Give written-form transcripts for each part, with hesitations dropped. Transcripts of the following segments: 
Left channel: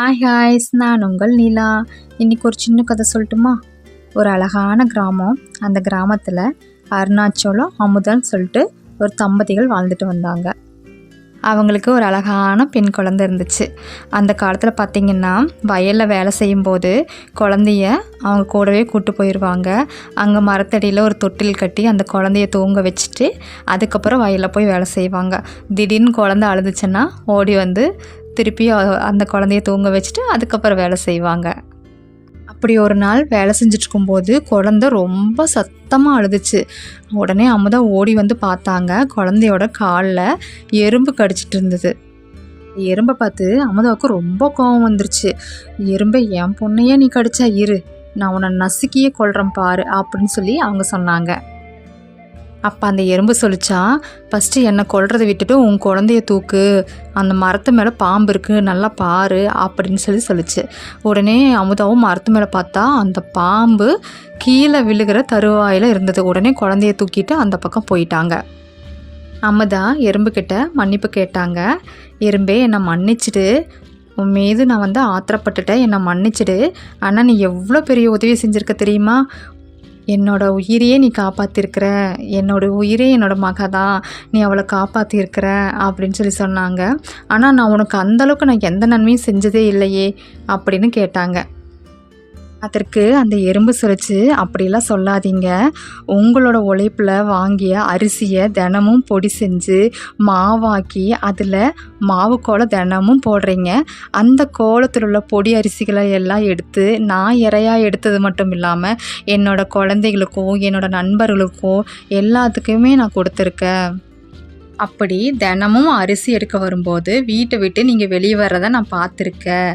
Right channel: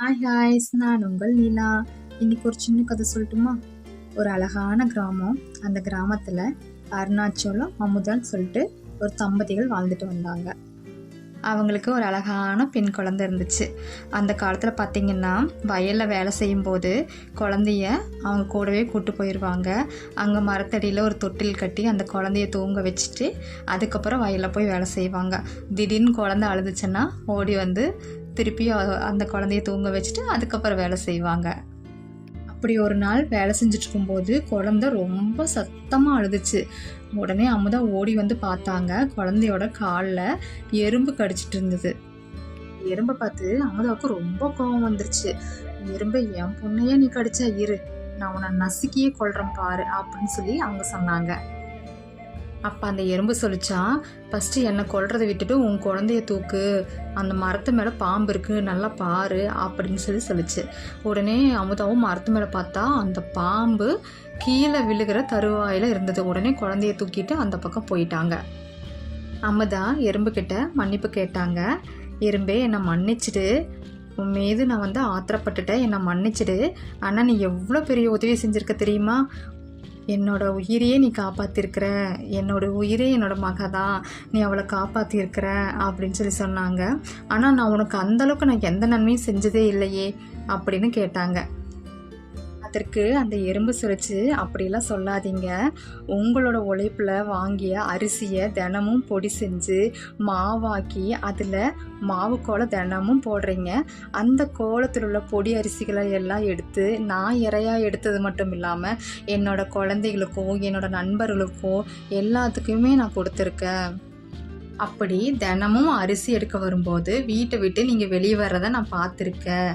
Hi ஹாய்ஸ், நான் உங்கள் நிலா. இன்றைக்கி ஒரு சின்ன கதை சொல்லட்டுமா? ஒரு அழகான கிராமம். அந்த கிராமத்தில் அருணாச்சலம் அமுதன் சொல்லிட்டு ஒரு தம்பதிகள் வாழ்ந்துட்டு வந்தாங்க. அவங்களுக்கு ஒரு அழகான பெண் குழந்தை இருந்துச்சு. அந்த காலத்தில் பார்த்திங்கன்னா வயலில் வேலை செய்யும்போது குழந்தைய அவங்க கூடவே கூட்டு போயிடுவாங்க. அங்கே மரத்தடியில் ஒரு தொட்டில் கட்டி அந்த குழந்தைய தூங்க வச்சுட்டு அதுக்கப்புறம் வயலில் போய் வேலை செய்வாங்க. திடீர்னு குழந்தை அழுதுச்சுன்னா ஓடி வந்து திருப்பி அந்த குழந்தைய தூங்க வச்சுட்டு அதுக்கப்புறம் வேலை செய்வாங்க. அப்படி ஒரு நாள் வேலை செஞ்சுட்ருக்கும்போது குழந்தை ரொம்ப சத்தமாக அழுதுச்சு. உடனே அமுதா ஓடி வந்து பார்த்தாங்க. குழந்தையோட காலில் எறும்பு கடிச்சிட்டு இருந்தது. எறும்பை பார்த்து அமுதாவுக்கு ரொம்ப கோபம் வந்துருச்சு. எறும்பை என் பொண்ணையே நீ கடிச்சா இரு, நான் உன்னை நசுக்கியே கொல்றேன் பாரு அப்படின்னு சொல்லி அவங்க சொன்னாங்க. அப்போ அந்த எறும்பு சொல்லிச்சான், ஃபஸ்ட்டு என்னை கொல்றதை விட்டுட்டு உன் குழந்தைய தூக்கு, அந்த மரத்து மேலே பாம்பு இருக்குது நல்லா பாரு அப்படின்னு சொல்லிச்சு. உடனே அமுதாவும் மரத்து மேலே பார்த்தா அந்த பாம்பு கீழே விழுகிற தருவாயில் இருந்தது. உடனே குழந்தைய தூக்கிட்டு அந்த பக்கம் போயிட்டாங்க. அமுதா எறும்புக்கிட்ட மன்னிப்பு கேட்டாங்க. எறும்பே என்னை மன்னிச்சிடு, உன் மீது நான் வந்து ஆத்திரப்பட்டுட்டேன், என்னை மன்னிச்சிடு. ஆனால் நீ எவ்வளோ பெரிய உதவி செஞ்சுருக்க தெரியுமா? என்னோட உயிரையே நீ காப்பாற்றிருக்கிற, என்னோட உயிரே என்னோட மக தான், நீ அவளை காப்பாற்றிருக்கிற அப்படின்னு சொன்னாங்க. ஆனால் நான் உனக்கு அந்தளவுக்கு நான் எந்த நன்மையும் செஞ்சதே இல்லையே அப்படின்னு கேட்டாங்க. அதற்கு அந்த எறும்பு சொல்லிச்சு, அப்படிலாம் சொல்லாதீங்க. உங்களோட உழைப்பில் வாங்கிய அரிசியை தினமும் பொடி செஞ்சு மாவாக்கி அதில் மாவு கோலம் தினமும் போடுறீங்க. அந்த கோலத்தில் உள்ள பொடி அரிசிகளை எல்லாம் எடுத்து நான் இறையாக எடுத்தது மட்டும் இல்லாமல் என்னோடய குழந்தைகளுக்கும் என்னோடய நண்பர்களுக்கும் எல்லாத்துக்குமே நான் கொடுத்துருக்கேன். அப்படி தினமும் அரிசி எடுக்க வரும்போது வீட்டை விட்டு நீங்கள் வெளியே வர்றதை நான் பார்த்துருக்கேன்.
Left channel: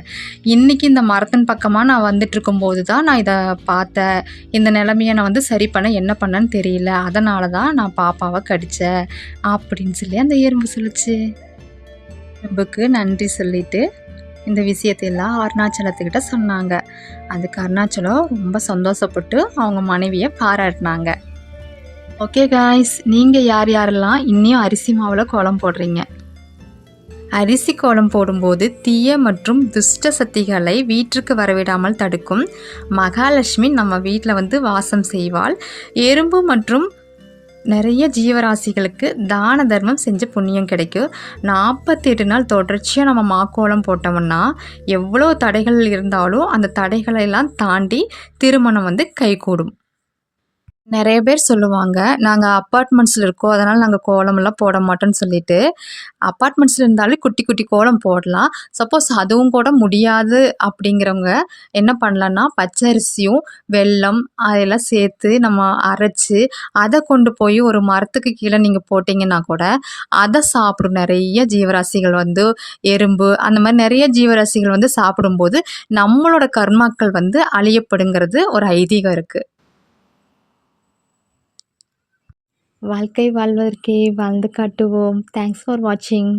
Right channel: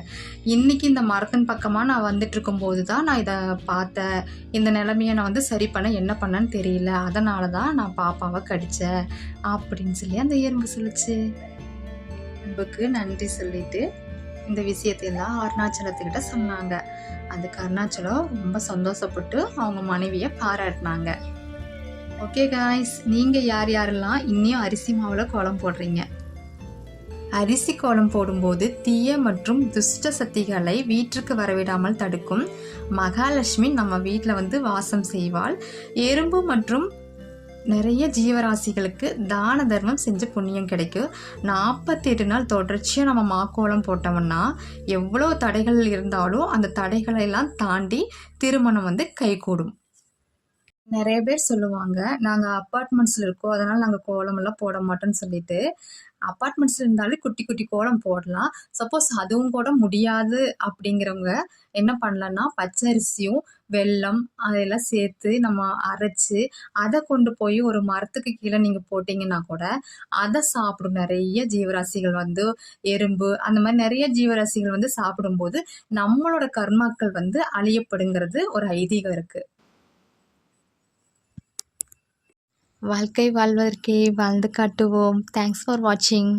இன்றைக்கி இந்த மரத்தின் பக்கமாக நான் வந்துட்டுருக்கும்போது தான் நான் இதை பார்த்தேன். இந்த நிலைமையை நான் வந்து சரி பண்ண என்ன பண்ணேன்னு தெரியல, அதனால தான் நான் பாப்பாவை கடித்தேன் அப்படின்னு சொல்லி அந்த எறும்பு சொல்லிச்சு. எறும்புக்கு நன்றி சொல்லிவிட்டு இந்த விஷயத்தையெல்லாம் அருணாச்சலத்துக்கிட்ட சொன்னாங்க. அதுக்கு அருணாச்சலம் ரொம்ப சந்தோஷப்பட்டு அவங்க மனைவியை பாராட்டினாங்க. ஓகே காய்ஸ், நீங்கள் யார் யாரெல்லாம் இன்னும் அரிசி மாவில் கோலம் போடுறீங்க? அரிசி கோலம் போடும்போது தீய மற்றும் துஷ்ட சக்திகளை வீட்டிற்கு வரவிடாமல் தடுக்கும் மகாலட்சுமி நம்ம வீட்டில் வந்து வாசம் செய்வாள். எறும்பு மற்றும் நிறைய ஜீவராசிகளுக்கு தான தர்மம் செஞ்சு புண்ணியம் கிடைக்கும். 48 நாள் தொடர்ச்சியாக நம்ம மாக்கோலம் போட்டோம்னா எவ்வளோ தடைகள் இருந்தாலும் அந்த தடைகளெல்லாம் தாண்டி திருமணம் வந்து கைகூடும். நிறைய பேர் சொல்லுவாங்க, நாங்கள் அப்பார்ட்மெண்ட்ஸில் இருக்கோம், அதனால் நாங்கள் கோலமெல்லாம் போட மாட்டோம்னு சொல்லிட்டு. அப்பார்ட்மெண்ட்ஸில் இருந்தாலே குட்டி குட்டி கோலம் போடலாம். சப்போஸ் அதுவும் கூட முடியாது அப்படிங்கிறவங்க என்ன பண்ணலான்னா, பச்சரிசியும் வெல்லம் அதெல்லாம் சேர்த்து நம்ம அரைச்சி அதை கொண்டு போய் ஒரு மரத்துக்கு கீழே நீங்கள் போட்டிங்கன்னா கூட அதை சாப்பிடும் நிறைய ஜீவராசிகள் வந்து எறும்பு அந்த மாதிரி நிறைய ஜீவராசிகள் வந்து சாப்பிடும்போது நம்மளோட கர்மாக்கள் வந்து அழியப்படுங்கிறது ஒரு ஐதீகம் இருக்குது. வாழ்க்கை வாழ்வதற்கே வாழ்ந்து காட்டுவோம். தேங்க்ஸ் ஃபார் வாட்சிங்.